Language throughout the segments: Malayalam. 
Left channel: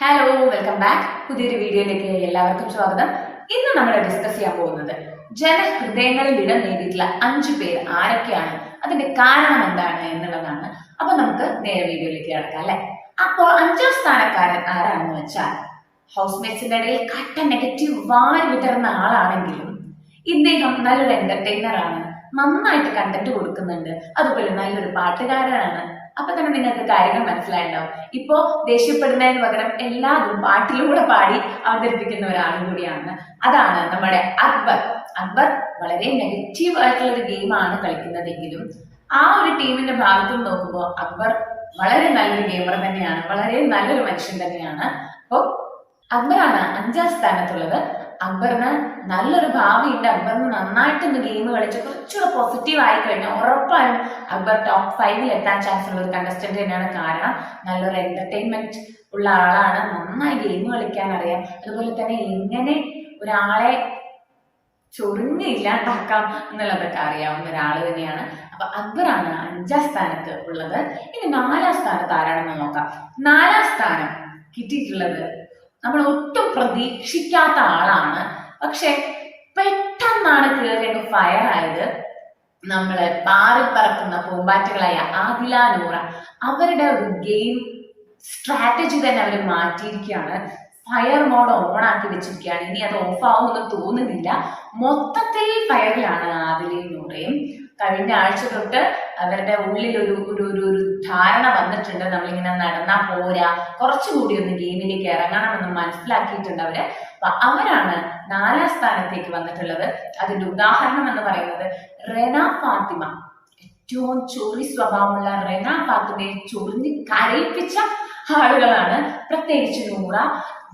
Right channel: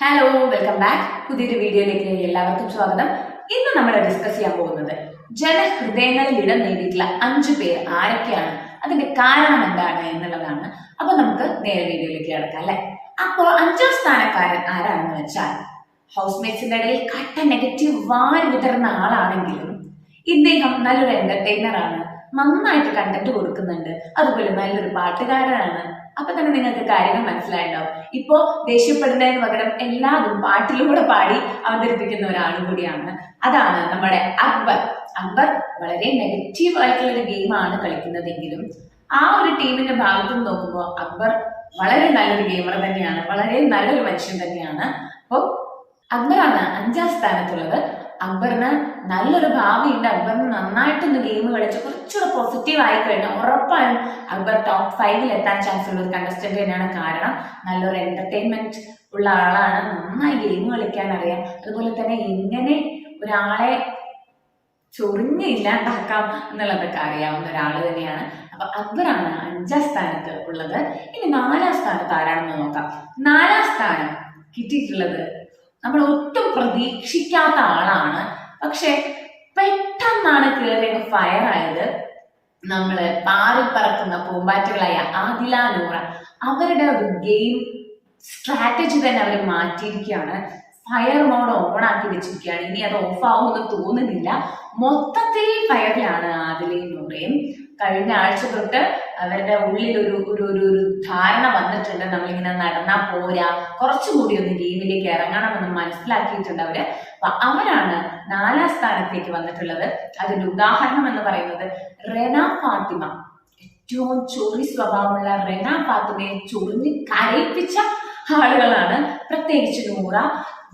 ഹലോ വെൽക്കം ബാക്ക് പുതിയൊരു വീഡിയോയിലേക്ക് എല്ലാവർക്കും സ്വാഗതം. ഇന്ന് നമ്മൾ ഡിസ്കസ് ചെയ്യാൻ പോകുന്നത് ജനഹൃദയങ്ങളിൽ ഇടം നേടിയിട്ടുള്ള അഞ്ചു പേർ ആരൊക്കെയാണ്? അതിന്റെ കാരണം എന്താണ് എന്നുള്ളതാണ്. അപ്പൊ നമുക്ക് നേരെ വീഡിയോയിലേക്ക് കിടക്കാം അല്ലെ? അപ്പോൾ അഞ്ചാം സ്ഥാനക്കാരൻ ആരാണെന്ന് വെച്ചാൽ ഹൗസ് മേറ്റ്സിന്റെ ഇടയിൽ കട്ട നെഗറ്റീവ് വാരി വിതറുന്ന ആളാണെങ്കിലും ഇദ്ദേഹം നല്ലൊരു എന്റർടൈനർ ആണ്. നന്നായിട്ട് കണ്ടന്റ് കൊടുക്കുന്നുണ്ട്. അതുപോലെ നല്ലൊരു പാട്ടുകാരനാണ്. അപ്പൊ തന്നെ നിങ്ങൾക്ക് കാര്യങ്ങൾ മനസ്സിലായിട്ടുണ്ടാവും. ഇപ്പോ ദേഷ്യപ്പെടുന്നതിന് പകരം എല്ലാതും പാട്ടിലൂടെ പാടി അവതരിപ്പിക്കുന്ന ഒരാളും കൂടിയാണ്. അതാണ് നമ്മുടെ അക്ബർ. അക്ബർ വളരെ നെഗറ്റീവ് ആയിട്ടുള്ള ഒരു ഗെയിമാണ് കളിക്കുന്നതെങ്കിലും ആ ഒരു ടീമിന്റെ ഭാഗത്ത് നോക്കുമ്പോൾ അക്ബർ വളരെ നല്ലൊരു ഗെയിമർ തന്നെയാണ്. വളരെ നല്ലൊരു മനുഷ്യൻ തന്നെയാണ്. അപ്പോൾ അക്ബറാണ് അഞ്ചാം സ്ഥാനത്തുള്ളത്. അക്ബറിന് നല്ലൊരു ഭാവിയുണ്ട് അക്ബറിന് നന്നായിട്ടൊന്ന് ഗെയിം കളിച്ച് കുറച്ചുകൂടെ പോസിറ്റീവ് ആയി കഴിഞ്ഞാൽ ഉറപ്പായും അക്ബർ ടോപ്പ് ഫൈവിൽ എത്താൻ ചാൻസ് ഉള്ള ഒരു കണ്ടസ്റ്റന്റ് തന്നെയാണ് കാരണം നല്ലൊരു എന്റർടൈൻമെന്റ് ഉള്ള ആളാണ്. നന്നായി ഗെയിം കളിക്കാൻ അറിയാം. അതുപോലെ തന്നെ എങ്ങനെ ഒരാളെ ചൊറിഞ്ഞ് ഇല്ലാണ്ടാക്കാം എന്നുള്ളതൊക്കെ അറിയാവുന്ന ഒരാൾ തന്നെയാണ്. അപ്പൊ അക്ബറാണ് അഞ്ചാം സ്ഥാനത്ത് ഉള്ളത്. ഇനി നാലാം സ്ഥാനത്ത് ആരാണെന്ന് നോക്കാം. നാലാം സ്ഥാനം കിട്ടിയിട്ടുള്ളത് നമ്മൾ ഒട്ടും പ്രതീക്ഷിക്കാത്ത ആളാണ് പക്ഷെ പെട്ടെന്നാണ് കേറിയൊക്കെ ഫയർ ആയത്. നമ്മൾ പാറി പറക്കുന്ന പൂമ്പാറ്റകളായ ആദില നൂറ അവരുടെ ഒരു ഗെയിം സ്ട്രാറ്റജി തന്നെ അവർ മാറ്റിയിരിക്കുകയാണ്. ഫയർ മോഡ് ഓൺ ആക്കി വെച്ചിരിക്കുകയാണ്. ഇനി അത് ഓഫ് ആവുമെന്ന് തോന്നുന്നില്ല. മൊത്തത്തിൽ ഫയറിലാണ് ആദിലയും നൂറയും. കഴിഞ്ഞ ആഴ്ച തൊട്ട് അവരുടെ ഉള്ളിൽ ഒരു ഒരു ഒരു ഒരു ധാരണ വന്നിട്ടുണ്ട്. നമ്മളിങ്ങനെ നടന്നാ പോരാ കുറച്ചുകൂടി ഒന്ന് ഗെയിമിലേക്ക് ഇറങ്ങണമെന്ന് മനസ്സിലാക്കിയിട്ടുണ്ട് അവർ. അവരാണ് നാലാം സ്ഥാനത്തേക്ക് വന്നിട്ടുള്ളത്. അതിന്റെ ഉദാഹരണം എന്ന് പറയുന്നത് റെന ഫാത്തിമ. ഏറ്റവും ചൊറി സ്വഭാവമുള്ള റെന ഫാത്തിമയെ ചൊറിഞ്ഞ് കരയിപ്പിച്ച ആളുകളാണ് പ്രത്യേകിച്ച് നൂറ.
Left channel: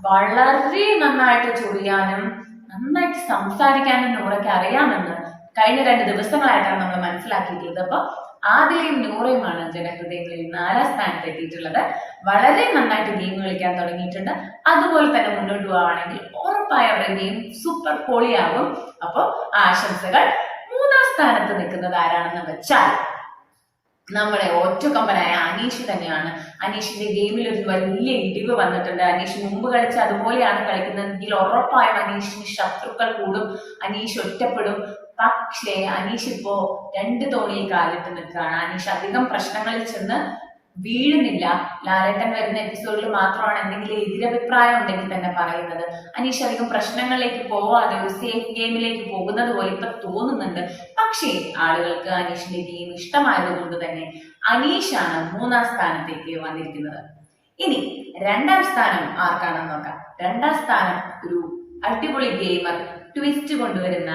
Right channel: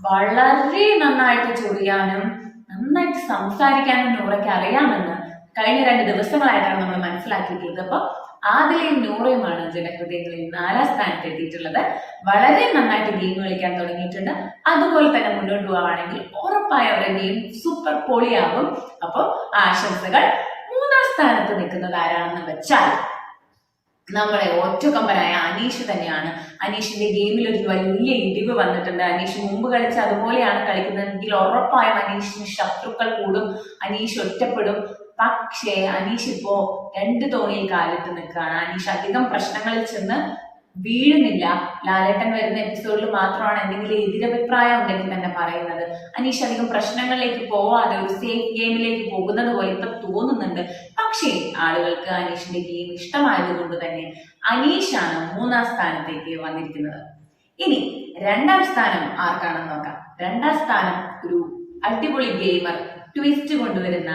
വളരെ നന്നായിട്ട് ചൊറിയാനും നന്നായിട്ട് സംസാരിക്കാനും നൂറയ്ക്ക് അറിയാമെന്ന് കഴിഞ്ഞ രണ്ട് ദിവസങ്ങളായിട്ടാണ് നമ്മൾ മനസ്സിലാക്കിയിട്ടുള്ളത്. അപ്പൊ ആദിലയും നൂറയുമാണ് ജനഹൃദയങ്ങളിൽ നാലാം സ്ഥാനത്ത് എത്തിയിട്ടുള്ളത്. വളരെ നന്നായിട്ട് ഗെയിം കളിക്കാൻ തുടങ്ങിയിട്ടുണ്ട്. അതുപോലെ തന്നെ മുന്നോട്ട് പോവുകയാണെങ്കിൽ ഉറപ്പായ അവരുടെ ഗെയിം സൂപ്പർ പൊളിയാകും അപ്പൊ ആശംസകൾ. മൂന്നാം സ്ഥാനത്ത് നിൽക്കുന്നത് ആരാണെന്ന് വെച്ചാൽ നമ്മുടെ ഒറ്റക്കൊമ്പനായ അനീഷ് തന്നെയാണ്. അനീഷിന്റെ ഗെയിമിൽ ഒരു വലിയ ഇടിവ് വന്നിട്ടുണ്ട്. അനീഷ് മുമ്പ് കളിച്ച അതുപോലെയാണ് കളിക്കുന്നതെങ്കിൽ ഉറപ്പായും അനീഷിന് ശത്രുക്കൾ കൂടും. അനീഷ് ഒറ്റപ്പെടും. പക്ഷേ അനീഷ് ഇപ്പോ രണ്ട് തോണിയിൽ കാലിട്ട് നിൽക്കുകയാണ്. അനീഷ് അധികം പ്രശ്നങ്ങളിൽ ചെന്ന് വീഴുന്നില്ല. ലാലേട്ടൻ വരുന്ന എപ്പിസോഡിൽ മാത്രമാണ് എന്തെങ്കിലും എതിരഭിപ്രായം ഉണ്ടെങ്കിൽ തന്നെ പറയുന്നത്. അനീഷ് അധികം പ്രശ്നങ്ങളിലേക്ക് പോവാതെ ഒരു സേഫ് ഗെയിമിലേക്ക് പോകുന്നത് പോലെ ഇപ്പൊ തോന്നുന്നുണ്ട്. പക്ഷേ ആളുകൾക്ക് അനീഷിന്റെ ഗെയിം ഇഷ്ടമായതുകൊണ്ട് തന്നെ അനീഷാണ് മൂന്നാം സ്ഥാനത്തേക്ക് വന്നിരിക്കുന്നത്. ഇനി രണ്ടാം സ്ഥാനം ആർക്കാണെന്ന് നോക്കാം. രണ്ടാം സ്ഥാനം ഒരു അടിപൊളി ഗെയിമർ ട്വിസ്റ്റ് കൊണ്ടുവരുന്ന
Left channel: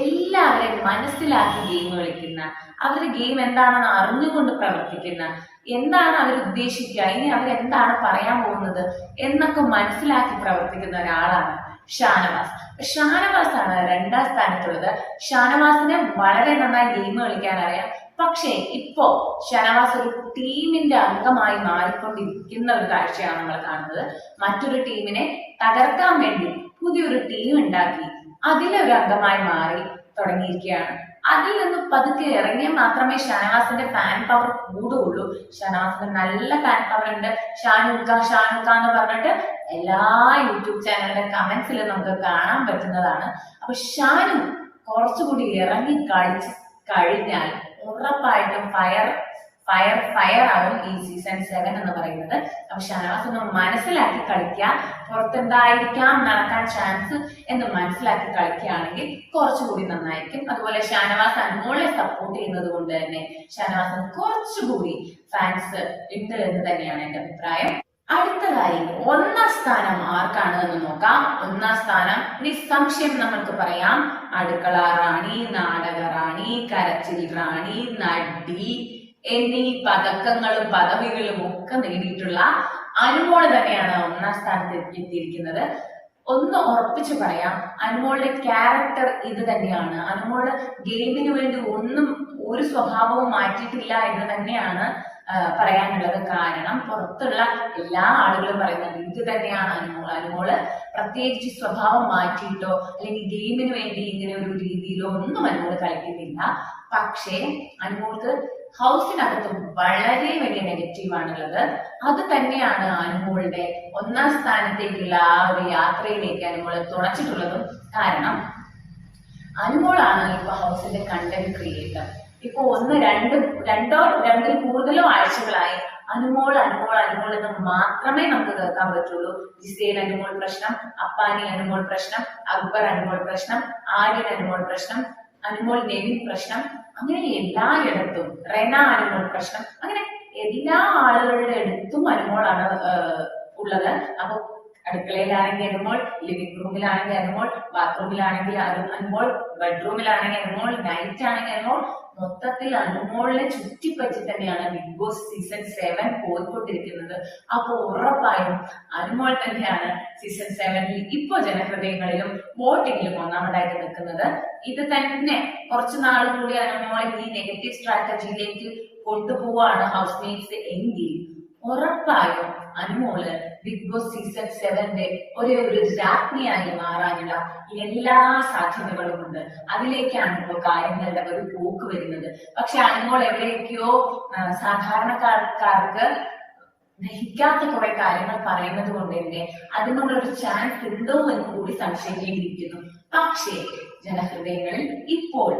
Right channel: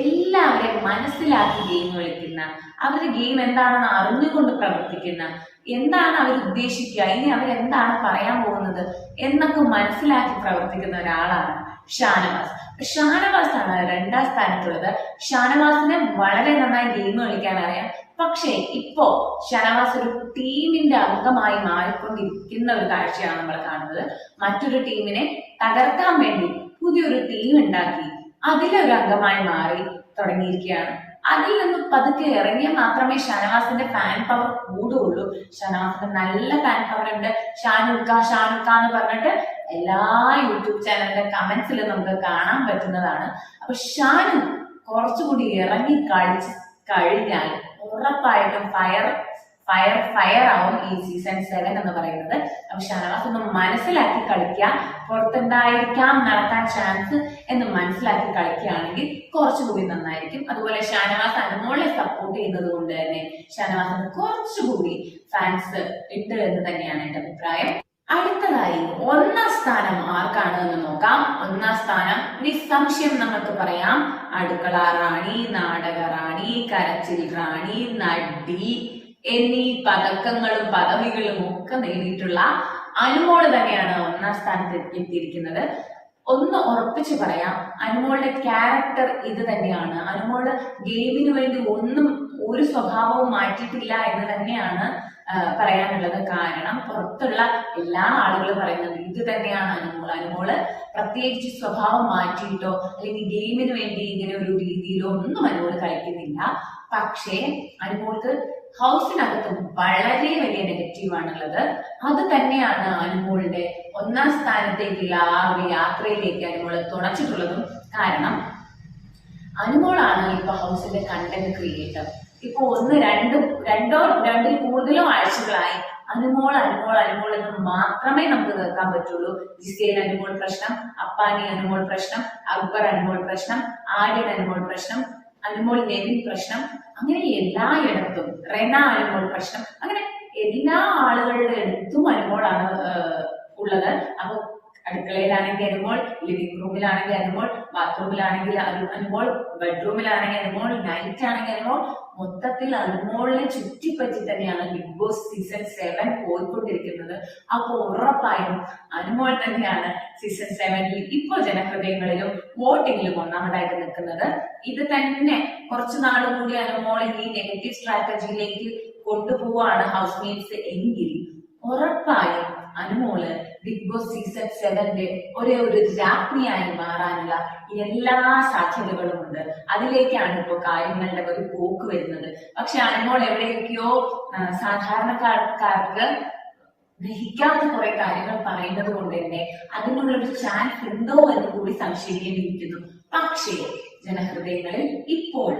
എല്ലാവരെയും മനസ്സിലാക്കി ഗെയിം കളിക്കുന്ന അവരുടെ ഗെയിം എന്താണെന്ന് അറിഞ്ഞുകൊണ്ട് പ്രവർത്തിക്കുന്ന എന്താണ് അവർ ഉദ്ദേശിക്കുക? ഇനി അവർ എന്താണ് പറയാൻ പോകുന്നത്? എന്നൊക്കെ മനസ്സിലാക്കി പ്രവർത്തിക്കുന്ന ഒരാളാണ് ഷാനവാസ്. ഷാനവാസ് ആണ് രണ്ടാം സ്ഥാനത്തുള്ളത്. ഷാനവാസിനെ വളരെ നന്നായി ഗെയിം കളിക്കാൻ അറിയാം പക്ഷേ ഇപ്പോ ഷാനവാസ് ഒരു ടീമിന്റെ അംഗമായി മാറിക്കൊണ്ടിരിക്കുന്ന ഒരു കാഴ്ചയാണ് നമ്മൾ കാണുന്നത്. മറ്റൊരു ടീമിനെ തകർക്കാൻ വേണ്ടി പുതിയൊരു ടീം ഉണ്ടാക്കി. അതിലൊരു അംഗമായി മാറി തുടങ്ങിയിരിക്കുകയാണ്. അതിൽ നിന്ന് പതുക്കെ ഇറങ്ങിയാൽ മാത്രമേ ഷനാസിന്റെ ഫാൻ പവർ കൂടുകയുള്ളൂ. ഷനാസിന് നല്ല ഫാൻ പവർ ഉണ്ട്. ഷാനുക്ക ഷാനുക്ക എന്ന് പറഞ്ഞിട്ട് എല്ലാ യൂട്യൂബ് ചാനലിന്റെ കമന്റ്സിൽ നമുക്ക് കാണാൻ പറ്റുന്നതാണ്. അപ്പൊ ഷാനു കുറച്ചുകൂടി ഇറങ്ങി കളിച്ച് കഴിഞ്ഞാൽ ഉറപ്പായിട്ടും ഫയർ ഫയർ ഫയർ ആവും ഈ സീസൺ സെവൻ എന്ന് പറയുന്നത്. അപ്പൊ ഷാനവാസ് ഒന്ന് മനസ്സിലാക്കി കളിക്കുക പുറത്തെന്തായിരിക്കാം? നടക്കാൻ ചാൻസ് എന്ന് മനസ്സിലാക്കി കളിക്കുകയാണെങ്കിൽ കുറച്ചുകൂടി നന്നായിരിക്കും. അതുപോലെ ഷാനവാസ് അനുമോളെ സപ്പോർട്ട് ചെയ്യുന്നത് കൊണ്ട് തന്നെ ഷാനവാസിന് കുറച്ചുകൂടി ഫാൻസ് ഉണ്ട് എന്ന് തന്നെയാണ് എന്റെ അഭിപ്രായം. അടുത്തതായി ഒന്നാം സ്ഥാനം ആർക്കാണ് എന്ന് നോക്കാം. ഒന്നാം സ്ഥാനം നിസ്സംശയം നമ്മൾക്ക് പറയാം. അടുക്കള റാണി നാടക റാണി കരച്ചിൽ റാണി നടി എന്നീ പതക്കങ്ങളും പദവികളും ഒക്കെ നേടിയിട്ടുള്ള അനുമോൾ തന്നെയാണ് ഒന്നാം സ്ഥാനത്ത് എത്തിയിരിക്കുന്നത്. ഒന്ന് ഉറപ്പിച്ച് പറയാം അനുമോളുടെ ക്യാരക്ടർ ഇത് തന്നെയാണ്. അനുമോൾ ഗെയിമിന് വേണ്ടി ഒന്നും ഒരു സ്വഭാവവും മാറ്റിയിട്ടില്ല എന്ന് തന്നെയാണ് പറയാനുള്ളത്. കാരണം പുറത്തുള്ള എല്ലാ ആളുകളും പറയുന്നത് ഇത് തന്നെയാണ് അനുമോൾ അനുമോൾ പ്രത്യേകിച്ച് സ്വഭാവം മാറ്റിയിട്ടോ അല്ലെങ്കിൽ ഗെയിമിന് വേണ്ടി ഇങ്ങനെ ഒരു രീതിയിലോ ഒന്നും അനുമോൾ കളിക്കുന്നില്ല. പക്ഷേ അനുമോൾക്ക് ഹൗസിനകത്ത് വളരെ വലിയ നെഗറ്റീവ് ആണുള്ളത്. അത് തന്നെയാണ് അനുമോളുടെ ഒന്നാം സ്ഥാനത്തേക്കുള്ള ആ ഒരു യാത്രയിലേക്ക് അനുമോൾ തുണച്ചിട്ടുള്ളതും കാരണം അനുമോളാണ് ഇപ്പൊ ഹൗസിന്റെ കണ്ടന്റ് ക്രിയേറ്റർ ഇപ്പൊ ഒന്ന് രണ്ടും രണ്ടോ രണ്ടിൽ കൂടുതലോ ആഴ്ചകളായി അനുമോൾ അനുമോൾ അനുമോൾ എന്ന് മാത്രമേ നമുക്ക് കേൾക്കാൻ പറ്റുള്ളൂ. ജിസേൽ അനുമോൾ പ്രശ്നം അപ്പാനി അനുമോൾ പ്രശ്നം അക്ബർ അനുമോൾ പ്രശ്നം ആര്യൻ അനുമോൾ പ്രശ്നം അനുമോൾ നെവിൻ പ്രശ്നം അങ്ങനെ എല്ലായിടത്തും റെന അനുമോൾ പ്രശ്നം അങ്ങനെ എല്ലാ ആളുകളുടെ അടുത്തും അനുമോളാണ് ഉള്ളത്. അപ്പൊ അടുക്കളയിലാണെങ്കിൽ അനുമോൾ ലിവിംഗ് റൂമിലാണെങ്കിൽ അനുമോൾ ബാത്റൂമിലാണെങ്കിൽ അനുമോൾ ബെഡ്റൂമിലാണെങ്കിൽ അനുമോൾ നൈറ്റ് ആണെങ്കിൽ അനുമോൾ മൊത്തത്തിൽ അനുമോളിനെ ചുറ്റിപ്പറ്റി തന്നെയാണ് ബിഗ് ബോസ് സീസൺ സെവൻ പോയിക്കൊണ്ടിരിക്കുന്നത്. അപ്പൊ ഉറപ്പായും അനുമോൾ തന്നെയാണ് സീസൺ സെവനിൽ ഇപ്പോ ജനഹൃദയങ്ങളിലും വോട്ടിങ്ങിലും ഒന്നാമതായിട്ട് നിൽക്കുന്നത്. ഇത് തന്നെ കുറച്ചു നാളും കൂടി അനുമോൾ ഈ നെഗറ്റീവ് സ്ട്രാറ്റജിയിലേക്ക് കൊണ്ടുപോവാണ് ഹൗസ് മേറ്റ്സ് എങ്കിൽ ഉറപ്പായും അനുമോൾ ബിഗ് ബോസ് സീസൺ സെവന്റെ ഒരു ഒരു രാജ്ഞിയായി മാറാനുള്ള എല്ലാ സാധ്യതകളും ഉണ്ട് അതിലേക്കാണ് ഇപ്പൊ കാര്യങ്ങളുടെ ഒരു പോക്ക് വരുന്നത്. പക്ഷെ അനുമോൾ എവിടെയൊക്കെയോ സാധാരണക്കാർക്ക് ദഹിക്കാത്ത കുറെ കാര്യങ്ങൾ പറയുന്നത് കൊണ്ട് തന്നെ അതിനുള്ള ഒരു ചാൻസ് ഉണ്ടോ എന്ന് കൂടി സംശയിക്കേണ്ടിയിരിക്കുന്നു. പക്ഷേ ജനഹൃദയങ്ങളിൽ ഇപ്പോൾ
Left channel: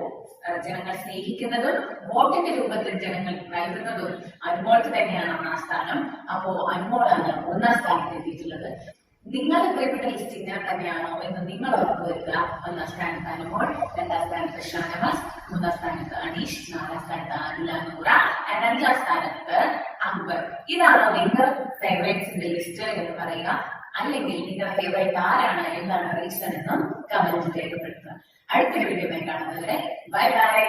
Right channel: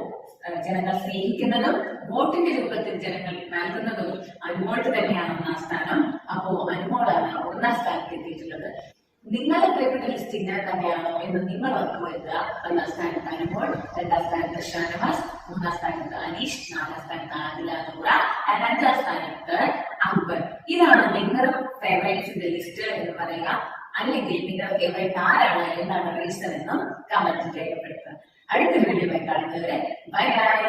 ജനങ്ങൾ സ്നേഹിക്കുന്നതും വോട്ടിന്റെ രൂപത്തിൽ ജനങ്ങൾ നൽകുന്നതും അനുമോൾക്ക് തന്നെയാണ് ഒന്നാം സ്ഥാനം. അപ്പോ അനുമോളാണ് ഒന്നാം സ്ഥാനത്ത് എത്തിയിട്ടുള്ളത്. നിങ്ങളുടെ പ്രിയപ്പെട്ട ലിസ്റ്റ് ഇങ്ങനെ തന്നെയാണോ എന്ന് നിങ്ങൾ ഉറപ്പുവരുത്തുക ഒന്നാം സ്ഥാനത്ത് അനുമോൾ രണ്ടാം സ്ഥാനത്ത് ഷാനവാസ് മൂന്നാം സ്ഥാനത്ത് അനീഷ് നാലാം സ്ഥാനത്ത് ആദില നൂറ അഞ്ചാം സ്ഥാനത്ത് അക്ബർ ഇതാണ് നിങ്ങളുടെ ഫേവറേറ്റ്സിന്റെ ലിസ്റ്റ് എന്ന് പറയുക. അല്ലെങ്കിൽ നിങ്ങളുടെ ഫേവറേറ്റ് ആരാണ്? എന്താണ് റീസൺ എന്നും കമന്റ് രേഖപ്പെടുത്തുക. அடுத்த வீடியோவை காணுகிறேன் பை பாய்